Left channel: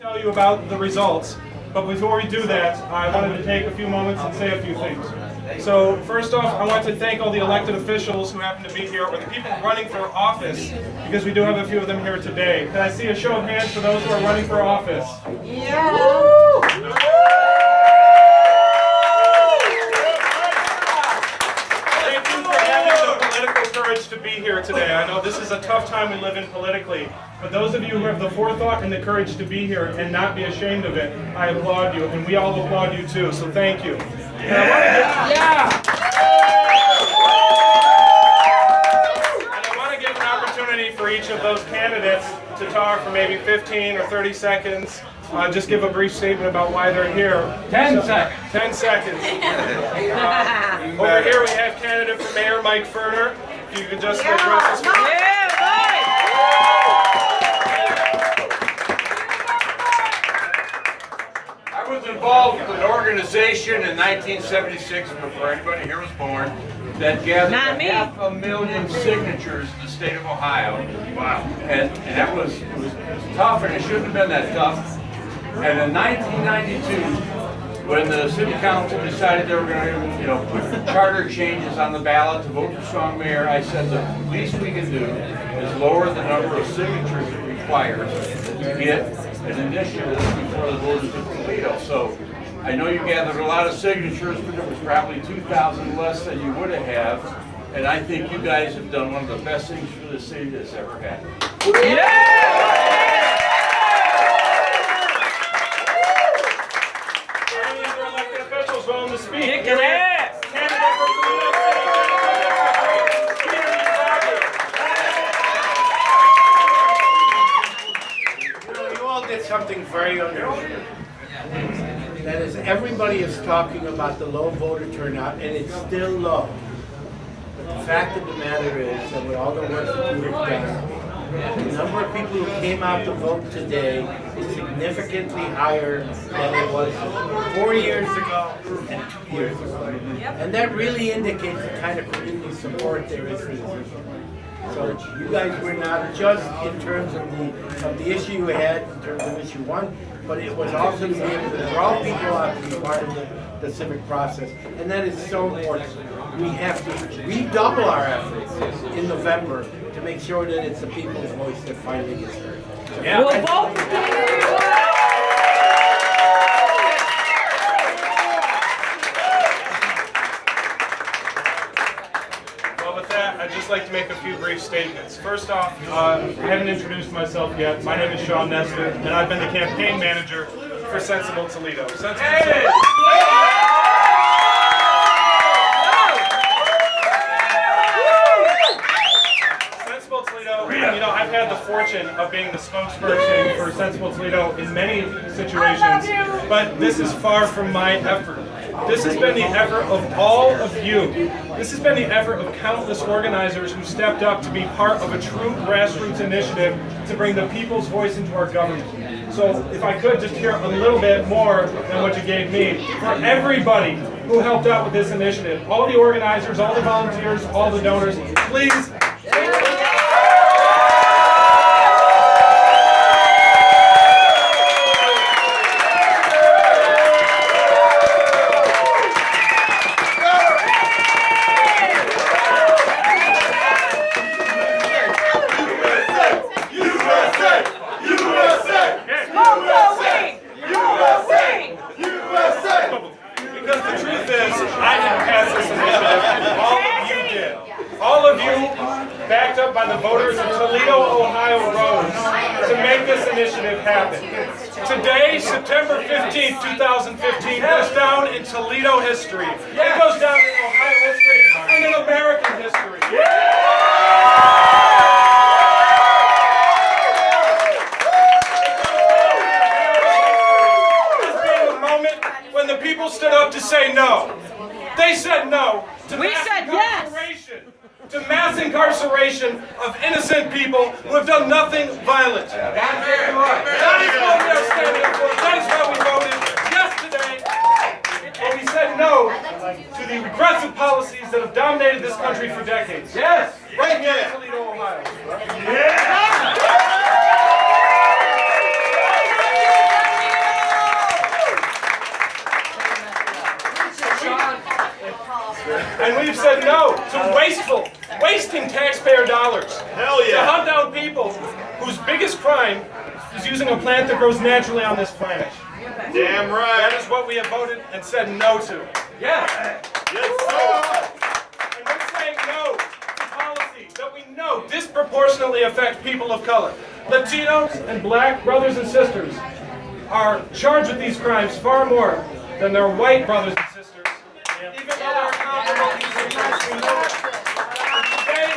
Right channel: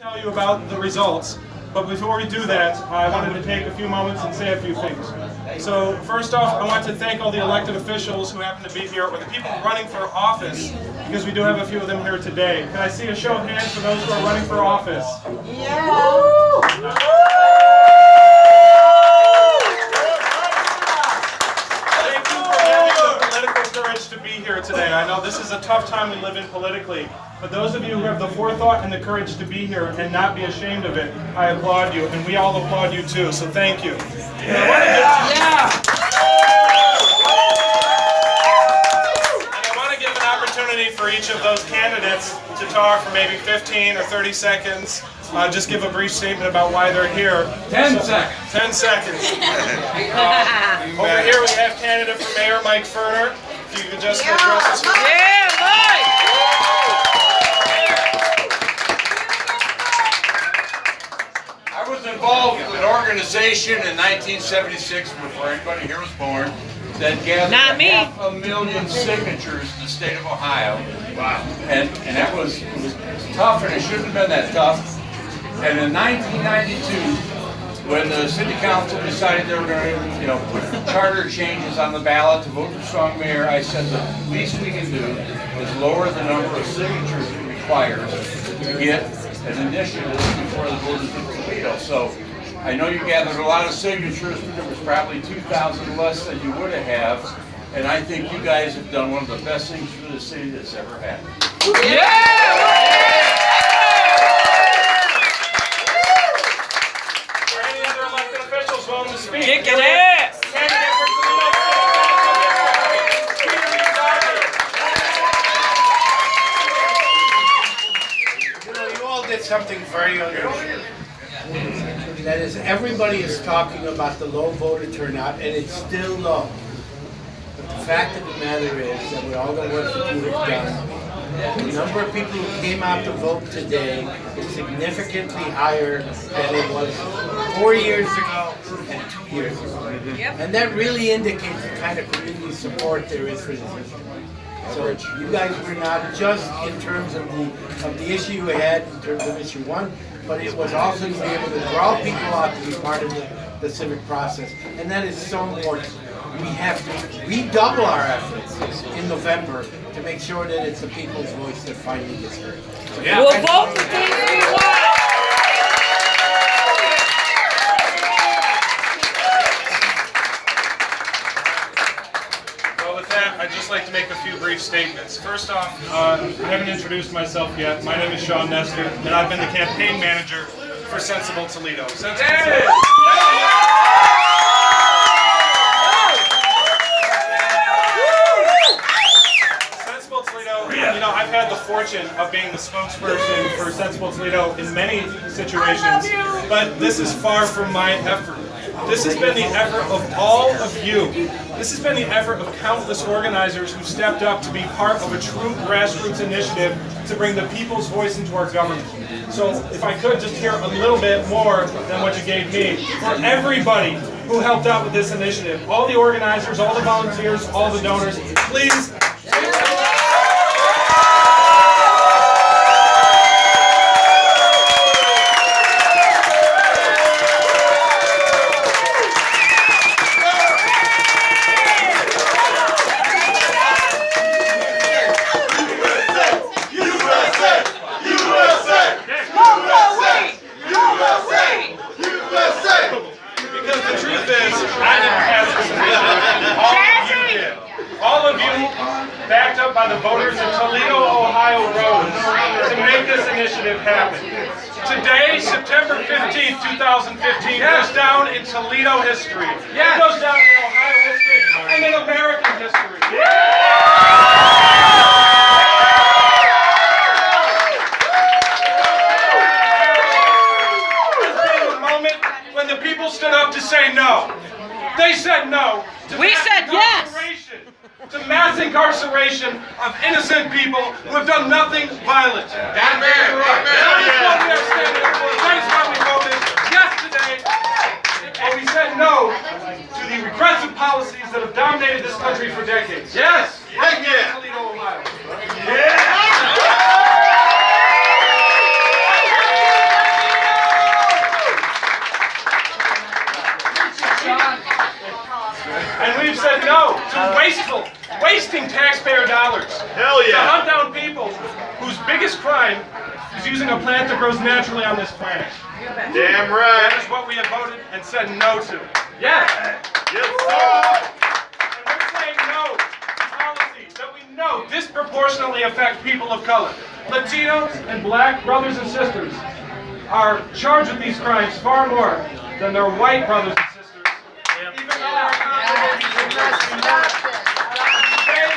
Tell you about the results, but before we do that, I wanted to take a few moments and say a few things. So first off, I want to thank all the elected officials who happen to be here, or the people running for office, because we do have a few of them here today. Can I see a show of hands for those who are running for office? Yeah. To be here today. I know this is a tough time we live in politically, but those of you who have the forethought and the courage to be here and not be ashamed of it, I applaud you, and we all applaud you too, so thank you. And I want to give an opportunity for each of those candidates to talk for maybe 15 or 30 seconds. Just give a brief statement about why they're here. 10 seconds. 10 seconds. Over here we have candidate for Mayor Mike Ferner. If you could just address us. I was involved with an organization in 1976, before anybody here was born, that gathered 500,000 signatures in the state of Ohio. Wow. And that was tough, and it shouldn't have been that tough. And in 1992, when the city council decided they were going to, put charter changes on the ballot to vote for strong mayor, I said the least we can do is lower the number of signatures it requires to get an initiative before the voters of Toledo. So I know you gathered a lot of signatures, but it was probably 2,000 less than you would have. And I think you guys have done one of the best things for the city that's ever happened. Yeah! To speak. Kick it ass! Candidate for Toledo State. You all did something very unusual. That is, everybody is talking about the low voter turnout, and it's still low. But the fact of the matter is that with all the work that you have done, the number of people who came out to vote today is significantly higher than it was 4 years ago and 2 years ago. And that really indicates the kind of community support there is for this issue. So you guys were not just in terms of the issue you had, in terms of issue one, but it was also to be able to draw people out to be part of the civic process. And that is so important. We have to redouble our efforts in November to make sure that it's the people's voice that finally gets heard. So We'll vote for Well, with that, I'd just like to make a few brief statements. First off, I haven't introduced myself yet. My name is Sean Nestor, and I've been the campaign manager for Sensible Toledo. Sensible Toledo, I've had the fortune of being the spokesperson for Sensible Toledo in many situations, but this is far from my effort. This has been the effort of all of you. This has been the effort of countless organizers who stepped up to be part of a true grassroots initiative to bring the people's voice into our government. So if I could just hear a little bit more than what you gave me, for everybody who helped out with this initiative, all the organizers, all the volunteers, all the donors, please. Because the truth is, I didn't pass this initiative. All of you did. All of you, backed up by the voters of Toledo, Ohio, rose to make this initiative happen. Today, September 15th, 2015, goes down in Toledo history. It goes down in Ohio history and in American history. When the people stood up to say no. They said no to to mass incarceration of innocent people who have done nothing violent. That is what we are standing for. That is why we voted yes today. And we said no to the regressive policies that have dominated this country for decades. Yes! Right here in Toledo, Ohio. Yeah! said no to wasting taxpayer dollars. Hell To yeah. hunt down people whose biggest crime is using a plant that grows naturally on this planet. Damn That right. is what we have voted and said no to. Yeah. Yes, sir. And we're saying no to policies that we know disproportionately affect people of color. Latinos and black brothers and sisters are charged with these crimes far more than their white brothers and sisters. Even though they're comparable Today, in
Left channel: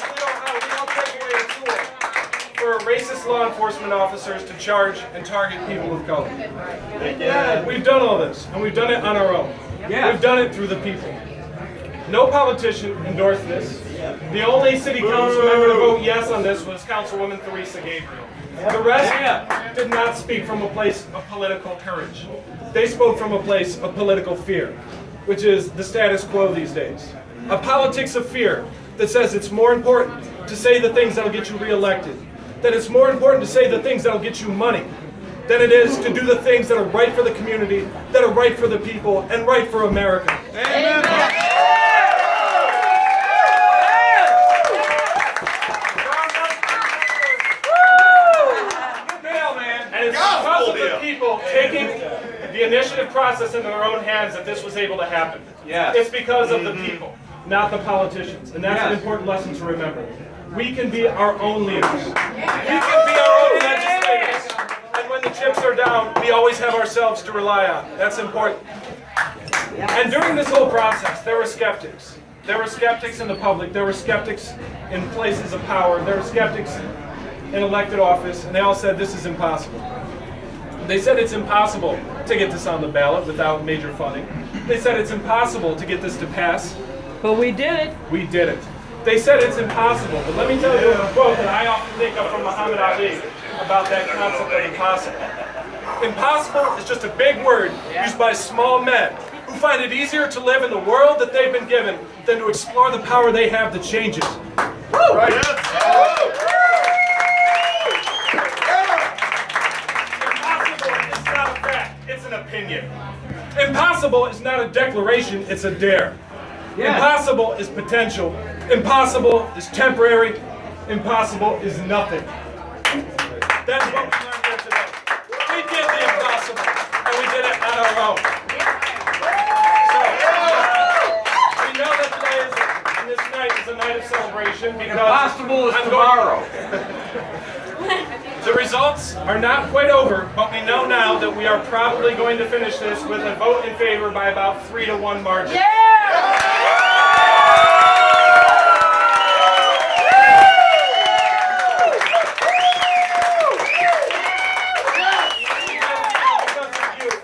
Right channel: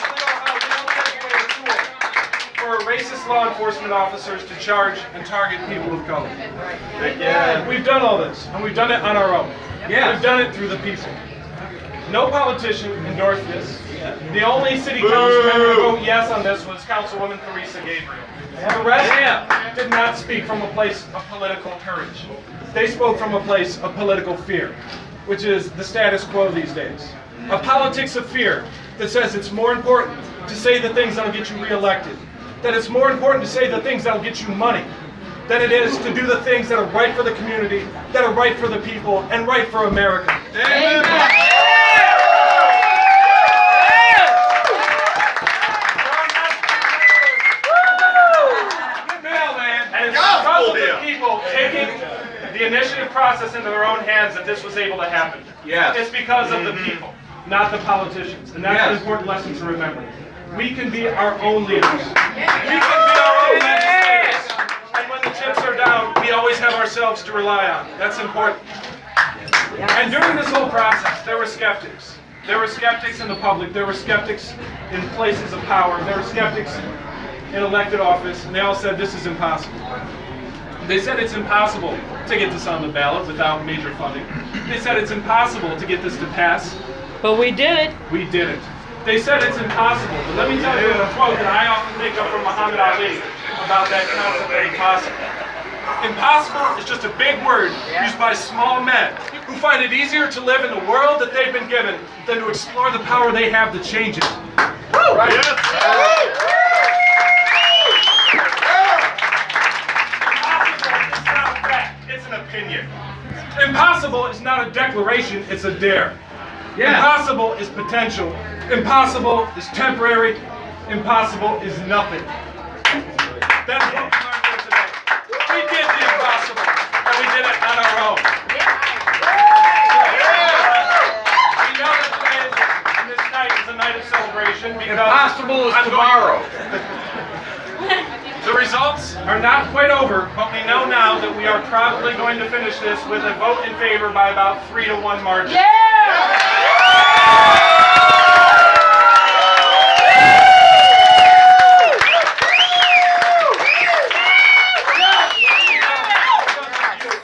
Toledo, Ohio, we don't take away a tool for racist law enforcement officers to charge and target people of color. We've done all this, and we've done it on our own. Yeah. We've done it through the people. No politician endorsed this. The only city council member to vote yes on this was Councilwoman Theresa Gabriel. The rest did not speak from a place of political courage. They spoke from a place of political fear, which is the status quo these days. A politics of fear that says it's more important to say the things that'll get you reelected, that it's more important to say the things that'll get you money, than it is to do the things that are right for the community, that are right for the people, and right for America. And it's because of the people taking the initiative process into their own hands that this was able to happen. Yes. It's because of the people, not the politicians. And that's an important lesson to remember. We can be our own leaders. We can be our own legislators. And when the chips are down, we always have ourselves to rely on. That's important. And during this whole process, there were skeptics. There were skeptics in the public. There were skeptics in places of power. There were skeptics in elected office, and they all said this is impossible. They said it's impossible to get this on the ballot without major funding. They said it's impossible to get this to pass. But we did it. We did it. They said it's impossible, but let me tell you a quote that I often think of from Muhammad Ali about that concept of impossible. Impossible is just a big word used by small men who find it easier to live in the world that they've been given than to explore the power they have to change it. Woo! Right? Yes. Impossible is not a fact, it's an opinion. Impossible is not a declaration, it's a dare. Impossible is potential. Impossible is temporary. Impossible is nothing. That's what we learned here today. We did the impossible, and we did it on our own. So, we know that today this night is a night of celebration because Impossible is tomorrow. the results are not quite over, but we know now that we are probably going to finish this with a vote in favor by about 3-1 margin.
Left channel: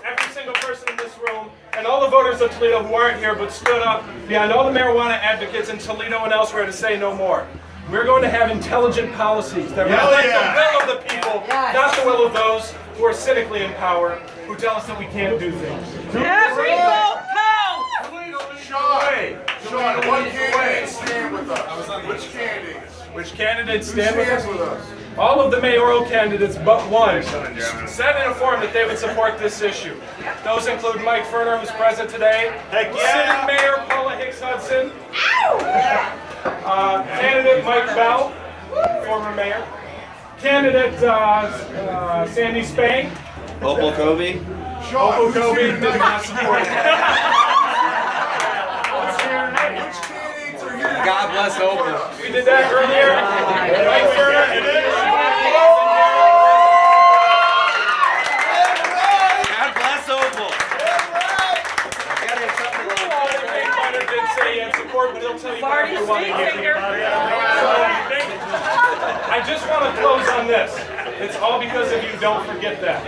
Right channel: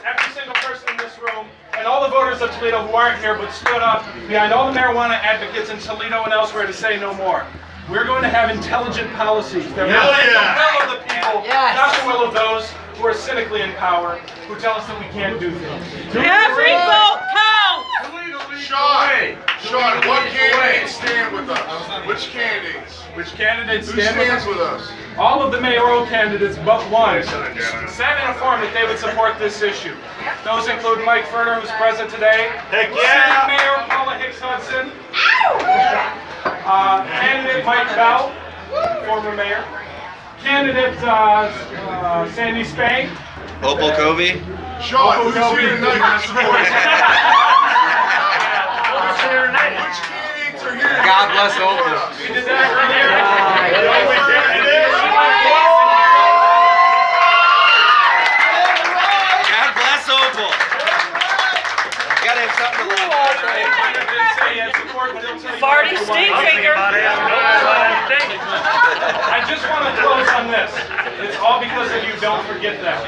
Every single person in this room, and all the voters of Toledo who aren't here but stood up behind all the marijuana advocates in Toledo and elsewhere to say no more. We're going to have intelligent policies that reflect the will of the people, not the will of those who are cynically in power, who tell us that we can't do things. Every vote counts. Sean, what candidates stand with us? Which candidates? Which candidates Who stand stands with with us? us? All of the mayoral candidates but one said in a form that they would support this issue. Those include Mike Ferner, who's present today, Heck yeah. City Mayor Paula Hicks Hudson, candidate Mike Bell, former mayor, candidate Sandy Spang, Opal Covey. Sean, who's Kobe here did not tonight? support it. Which candidates are here? God bless Opal. We did that earlier. Mike Ferner, God bless Opal. Gotta have something to love, right? Kind of didn't say he had support, but he'll tell you Farty more if you stick want. finger. I just want to close on this. It's all because of you. Don't forget that.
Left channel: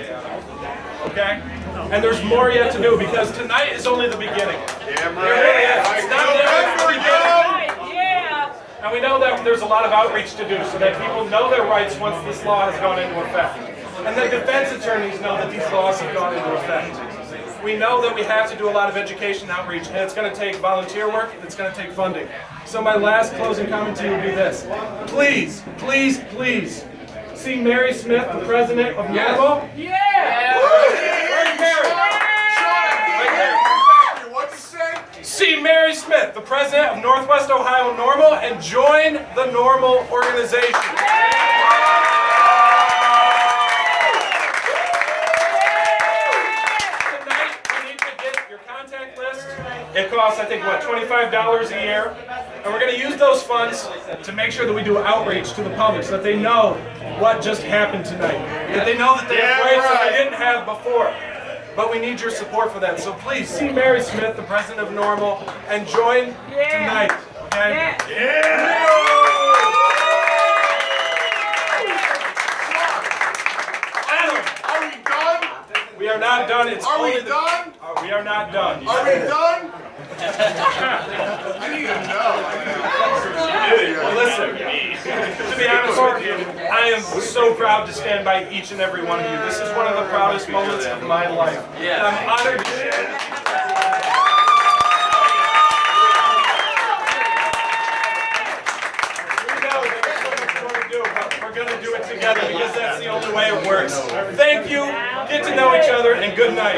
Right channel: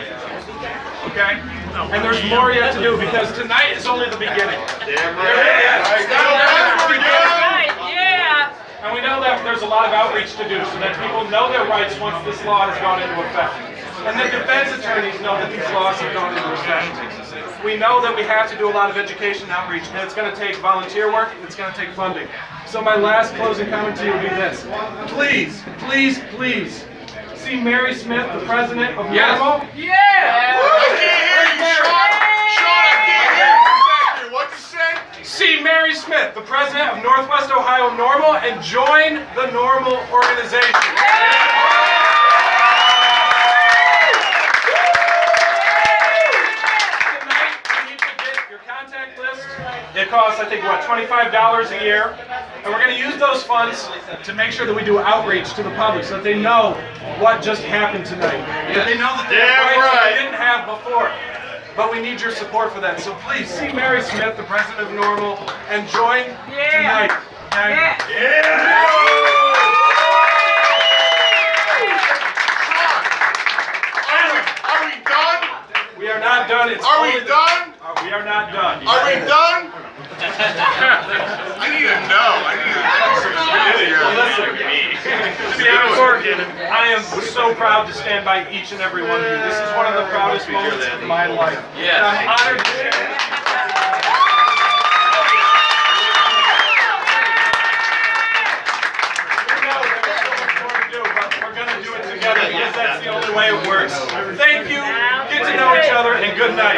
Okay? And there's more yet to do because tonight is only the beginning. Damn It's not only the beginning. Right, yeah. And we know that there's a lot of outreach to do so that people know their rights once this law has gone into effect. And that defense attorneys know that these laws have gone into effect. We know that we have to do a lot of education and outreach, and it's going to take volunteer work, and it's going to take funding. So my last closing comment to you would be this. Please, please, please, see Mary Smith, the president of NORML. I can't hear you, Sean. Sean, I can't hear you. What'd you say? See Mary Smith, the president president of Northwest Ohio Normal and join the Normal organization. Tonight, you need to get your contact list. It costs, I think, what, $25 a year? And we're going to use those funds to make sure that we do outreach to the public so that they know what just happened tonight. That they know that they have rights that they didn't have before. But we need your support for that. So please see Mary Smith, the president of Normal, and join tonight. Okay? Are we done? We are not done. Are we done? We are not done. Are we done? I need to know. I need to know. Listen, to be honest, I am so proud to stand by each and every one of you. This is one of the proudest moments of my life. And I'm honored to share this. We know there's so much more to do, but we're going to do it together because that's the only way it works. Thank you. Get to know each other, and good night.